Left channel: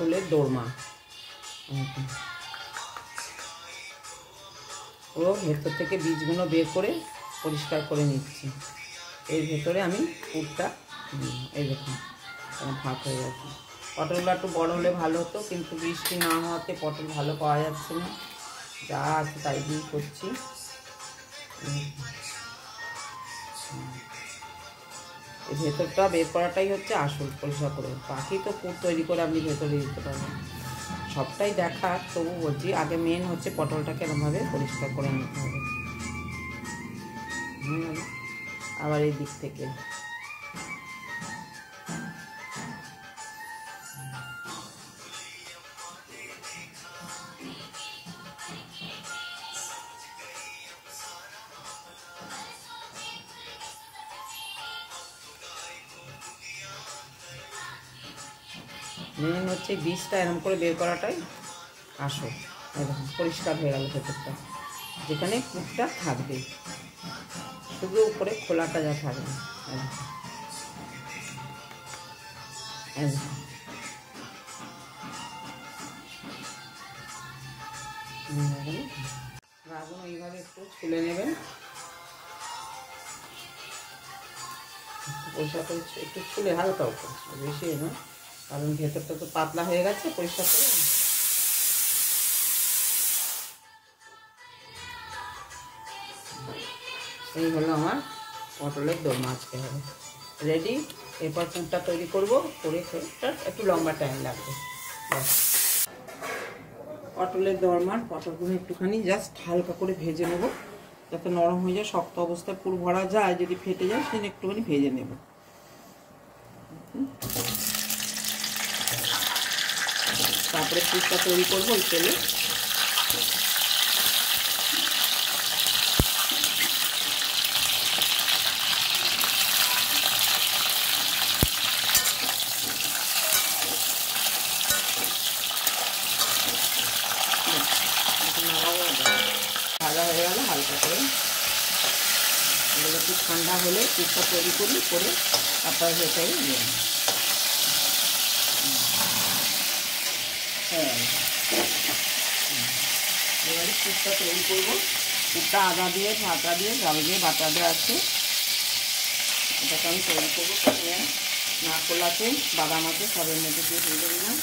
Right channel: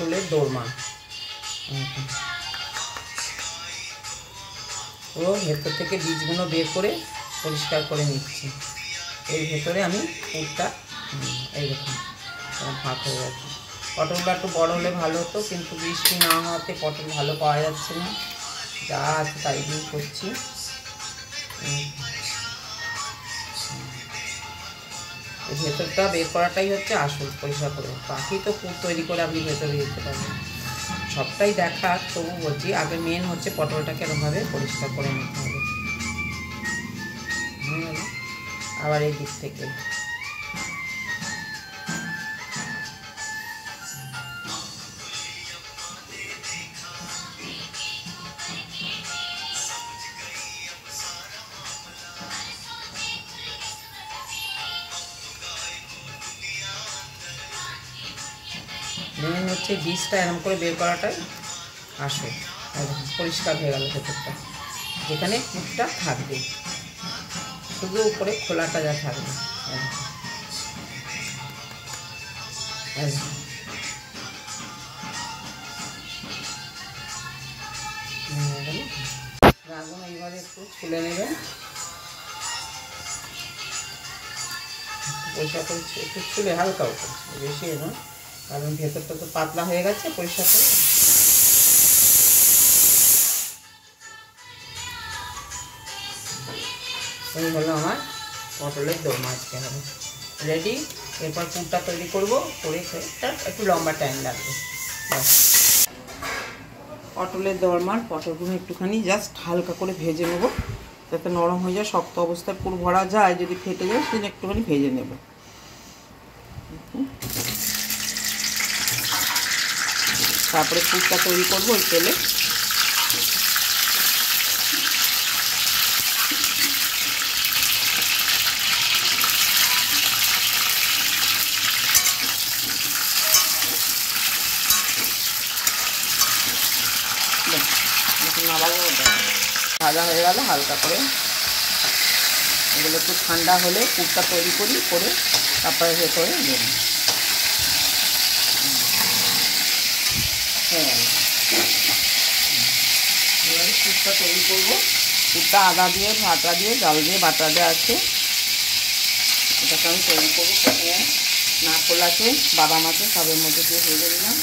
পটলের দোরমা। ও ভেতর থেকে বীজগুলো বের করে পরিষ্কার করে নিচ্ছি। এর ভেতরে আমি পুরটা এইরকম ফাঁক হয়ে যাচ্ছে। পটলটা একটু বড় হলে ভালো হতো, কিন্তু বৃষ্টি না হওয়াতে পটল ভালো পাওয়া যাচ্ছে না, যা আছে তাই দিয়ে করছি। এই ভেতরটা বের করাটাই হচ্ছে আসল, পরিষ্কার করে। বাকি তো পুর তৈরি করে আপনি ভেতরে দিতে পারবেন, সবটাই দেখা। তবু বলছি আগে মেন হচ্ছে পটলটাকে এরকমভাবে পরিষ্কার করে নিতে হবে। আবার এই দিক থেকে মেন হচ্ছে বীজটা এরকম করে বের করাটাই আসল। পরিষ্কার হয়ে গেল ভেতরটা, যেখানে পুরটা থাকবে, শুধু উপরে খোলাটা যা থাকবে। আগুন এইভাবে একটু ছুলে নেবেন, পরিষ্কার করে একটু ছুলে হালকা উপর, বেশি নয়, কারণ ভেতরটা তো পাতলা হয়ে গেছে। পরিষ্কার করে এই হলো আমার পটলের দোরমা আজকে হবে রেডি। এরপর পুরটা তৈরি করবো, করে একটু লম্বা টাইম লাগবে। পটলের দোরমার পটলগুলো একটুখানি জাস্ট হালকা করে ভেজে নেব, যাতে নরম হয়ে যায়। শক্ত অবস্থায় পুর ভরা যায়, যদি ফেটে যায় সেদিন একটুখানি ভেজে নেব। তারপরে পুরটা তৈরি করবো ওই তেলে। ভাজা হয়ে গেল হালকা করে। এগুলো একটু ঠান্ডা হলে পুরটা তৈরি করি, করে তারপরে ভেতরে দেব। হ্যাঁ, এবারে পুরটা তৈরি করবো। পুরটা আদা দিয়ে, ভাটা দিয়ে, ডাল দিয়ে বাটা দেওয়া আছে, এটাকে আমি তৈরি করবো। প্রথমে নারকেল আছে, বাদাম আছে, সবের মধ্যে দিয়ে ভেজে দিলাম।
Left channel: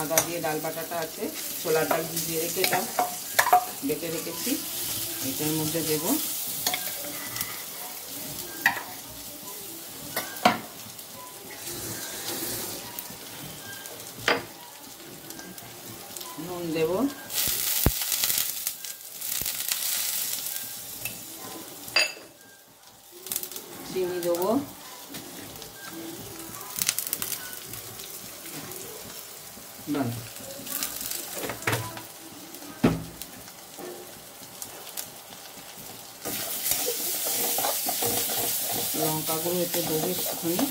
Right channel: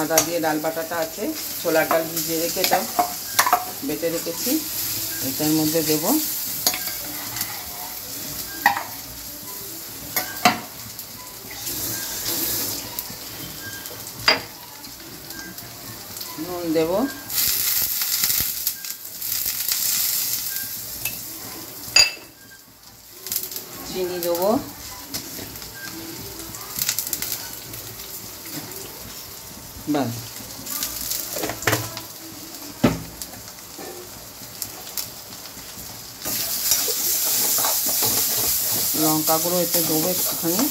আদা দিয়ে ডাল বাটাটা আছে, ছোলা ডাল ভিজিয়ে রেখেছিলাম, বেটে রেখেছি, এটার মধ্যে দেব। নুন দেব, চিনি দেবো, বাস। লঙ্কা গুঁড়ো এতে দেবো একটুখানি,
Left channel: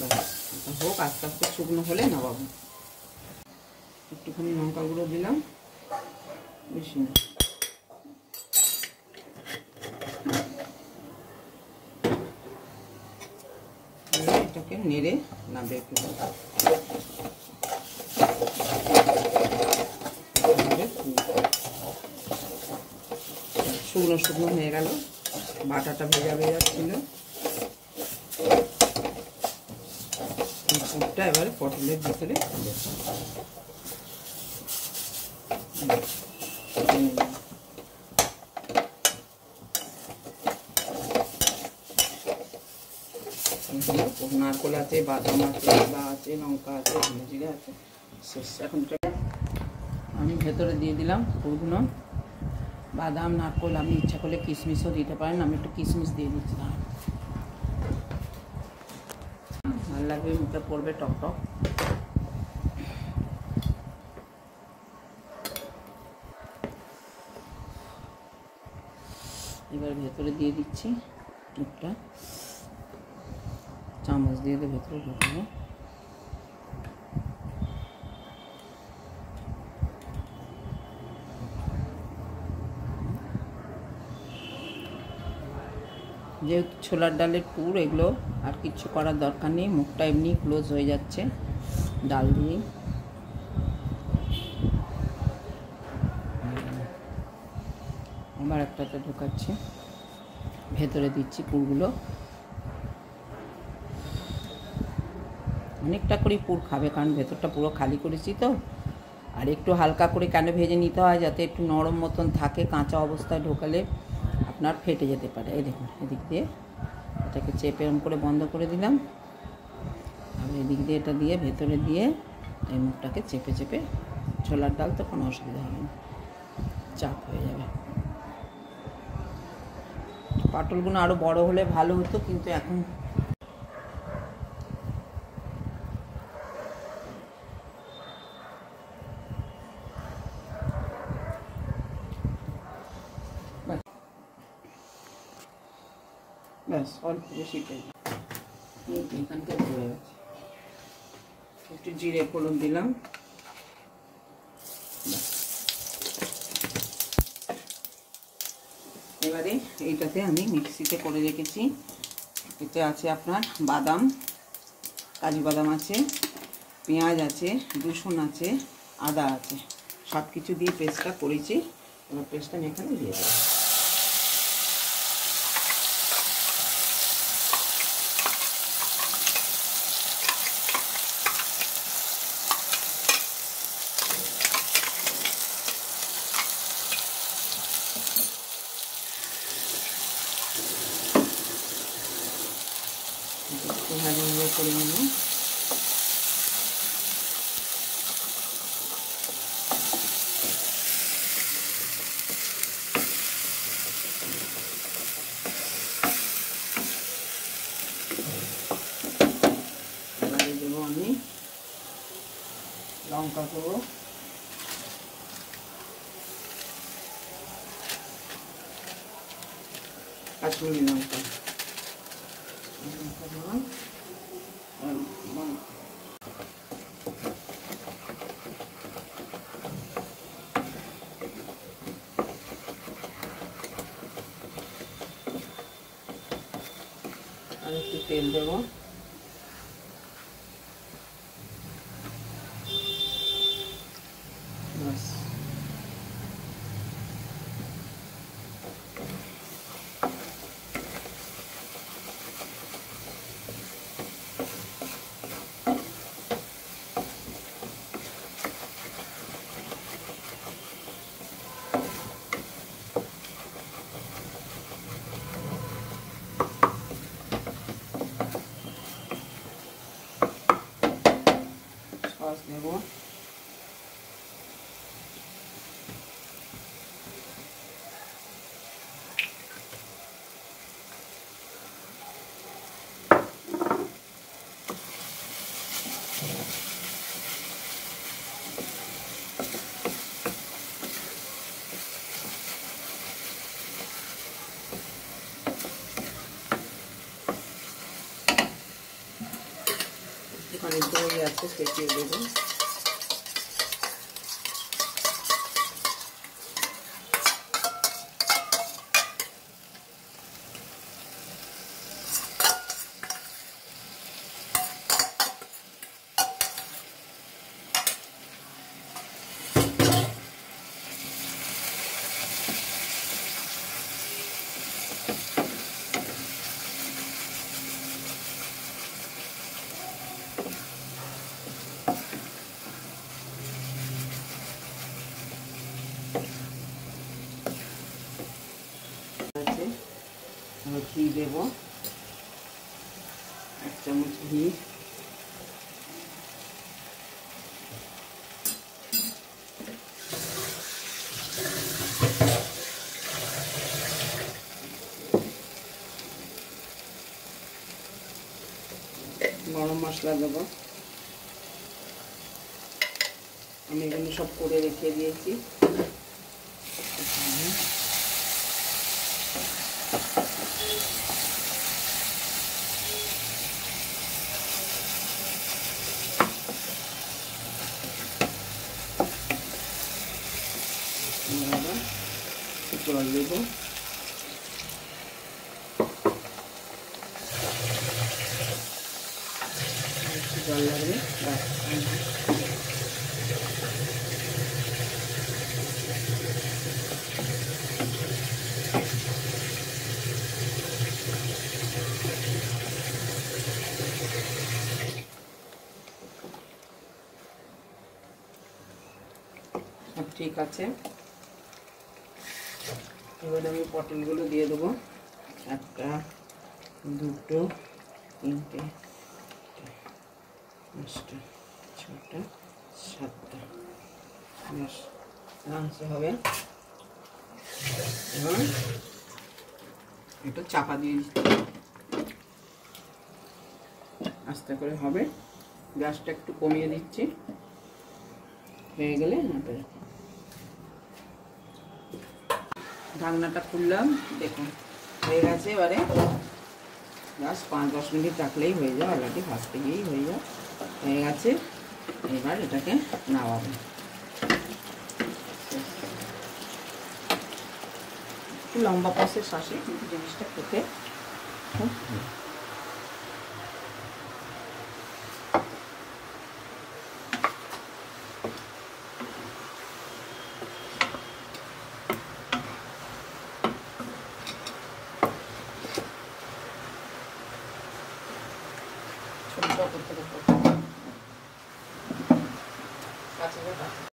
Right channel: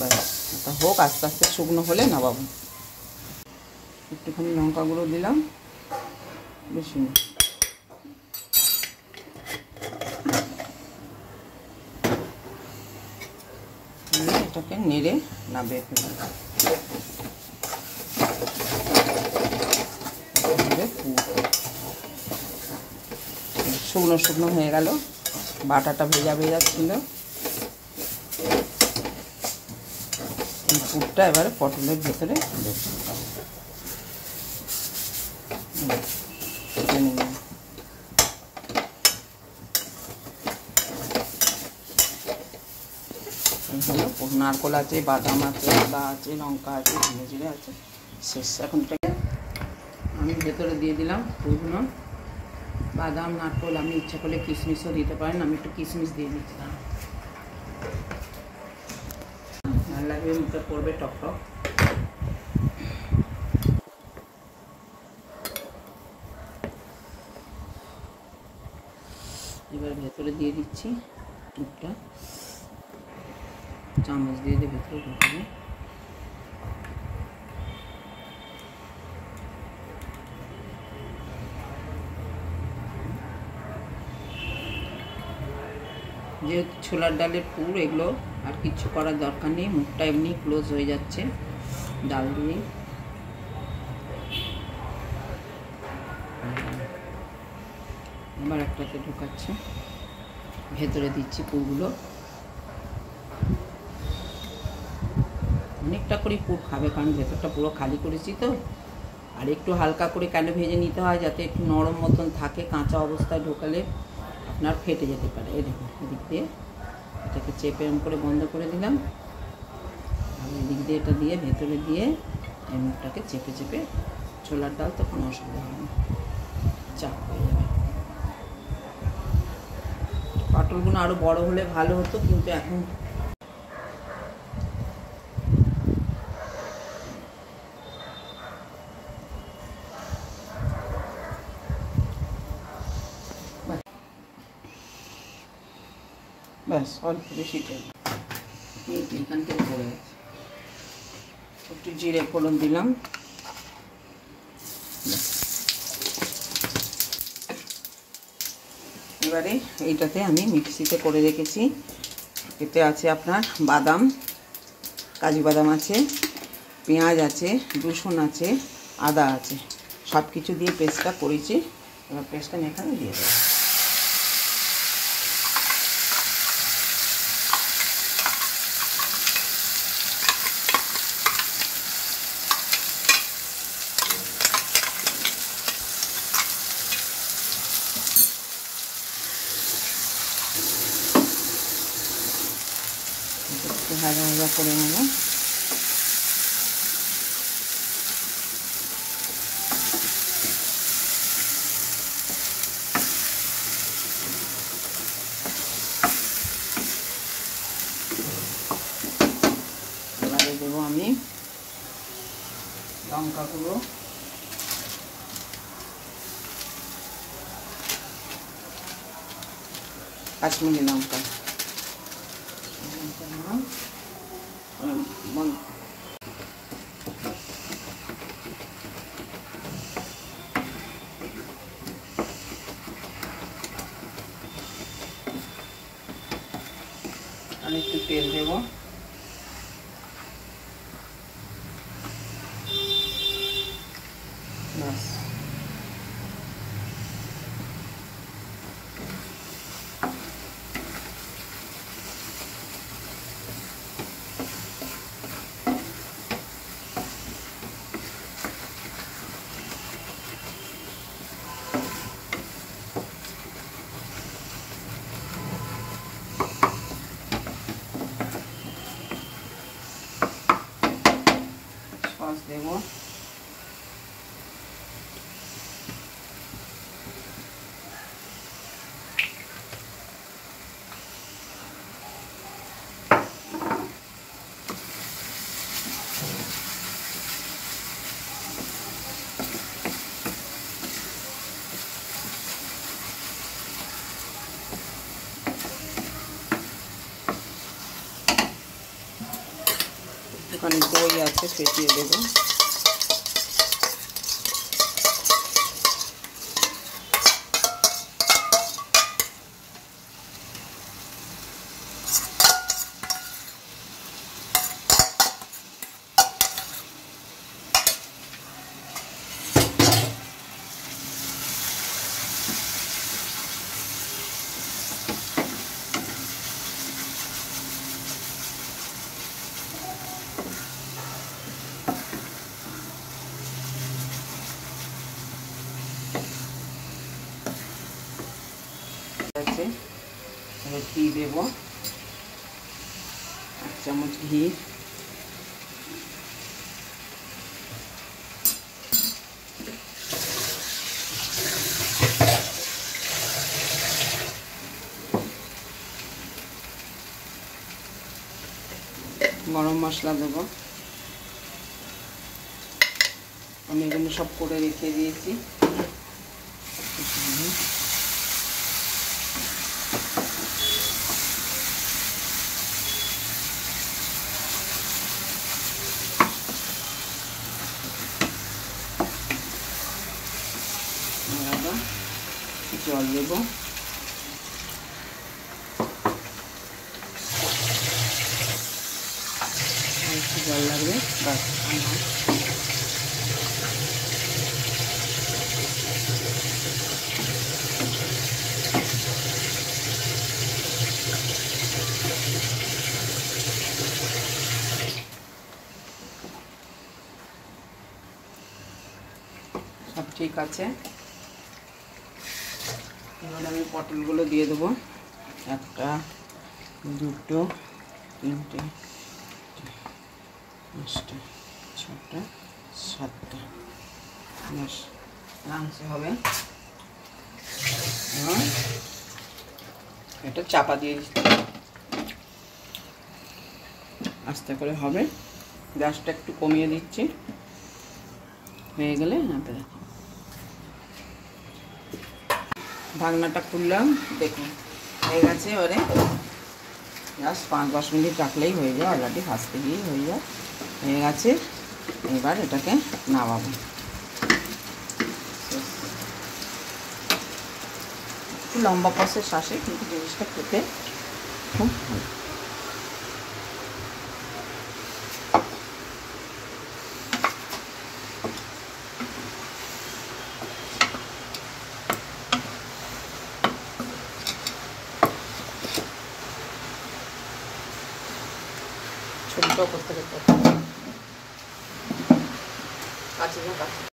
বাস। এটা হোক, আস্তে আস্তে শুকনো হলে নামাবো। একটুখানি লঙ্কা গুঁড়ো দিলাম, বেশি না। এটাকে নেড়ে নামিয়ে ফেলবো। শুকনো শুকনো হয়ে গেল, বাটাটা ভেজা ভেজা ছিল। পুরটা এবারে পটলের ভেতরে নারকোল আছে, বাদাম আছে, আদা আছে, লঙ্কা আছে, ধনে জিরে আছে, শেষ। এখন আমি ভেতরে দিয়ে দিলাম পুরগুলো, বাদাম, নারকোল। আপনি ইচ্ছা করলে কিশমিশও দিতে পারেন, আমি একটু কিশমিশ দিয়ে দিচ্ছিলাম, ভালো লাগবে, মুখে পড়বে টক টক। এবার ভেতরে দিয়ে দিচ্ছি পুরটা, চামচ দিয়ে ভেতরে ঢুকাবো। যেহেতু ছোলার ডালের পুর, এগুলো আর কিছু করার দরকার নেই, মুখটা এমনি ক্লোজ হয়ে যাচ্ছে ডাল দিয়ে। আবার একটাতে ঢোকাচ্ছি, ভেতরে দিচ্ছি পুরগুলো। অনেকটা করে পুর খাবে, কারণ ভেতরটা পুরো খালি করেছি তো। আর একটু হালকা করে কেন ভেজে নিতে হয়, যাতে একটু নরম মতন থাকে, কাঁচা অবস্থায় ঢোকালে আপনার ফেটে যেতে পারে। এই দেখুন, এদিক দিয়ে এটাকে চেপে এরকম করে বন্ধ করে দিলাম, আর এদিক দিয়ে এটা দিয়ে ভেতরে দিয়ে এই মুখটাকে চেপে চেপে, ছোলার ডাল তো কোনো অসুবিধা হবে না, চাপ হয়ে যাবে। পাটলগুলো আরও বড় হলে ভালো হতো, কিন্তু এখন ব্যাস অল্প বেশি এখান থেকে পড়ে গেছে। একটু জিরে ফোড়ন দিলাম, এবারে এইটাতে আমি মিক্সিতে করে রেখেছি, এতে আছে আপনার বাদাম, কাজু বাদাম আছে, পেঁয়াজ আছে, রসুন আছে, আদা আছে, সব কিছু দিয়ে পেস্টটা করেছি। এবার পেস্টটা আমি এখানে দিয়ে দেবো। ভাজা ভাজা করে নেব। এবারে দেবো আমি লঙ্কা গুঁড়ো, কাশ্মীরি লঙ্কা, আর একটু তেল দেবো। ব্যাস, সস দেবো। এখানে দই আছে, ফেটিয়ে দেবো। ঘি দেবো, 1 চামচ ঘি, গরম মশলা দেবো। আমি এগুলো সব করে রেখে দিয়েছি। দেবো। জল লাগবে, সব ঠিক আছে। এবার আমি পটলগুলো দিয়ে দেবো। 1 2 3 4 5 6 7 আরামসে হবে। এবং এটা চাপা দিয়ে দিচ্ছি, আস্তে করে হবে। গ্যাসটা একটু কমিয়ে দিচ্ছি, হয়ে গেলে নাপে রাখি। ঢাকনাটা খুললাম, দেখুন হয়ে গেছে। এবারে জাস্ট 5-10 মিনিট রাখলেই হয়ে যায়, অলরেডি ভাজতে গিয়েই হয়ে যায়। হয়ে গেছে, এবার এটাকে নামাবো। একটু লম্বা প্রসেস আসে, কিন্তু জিনিসটা খেতে খুব ভালো। ছোট করতে করতে কাছে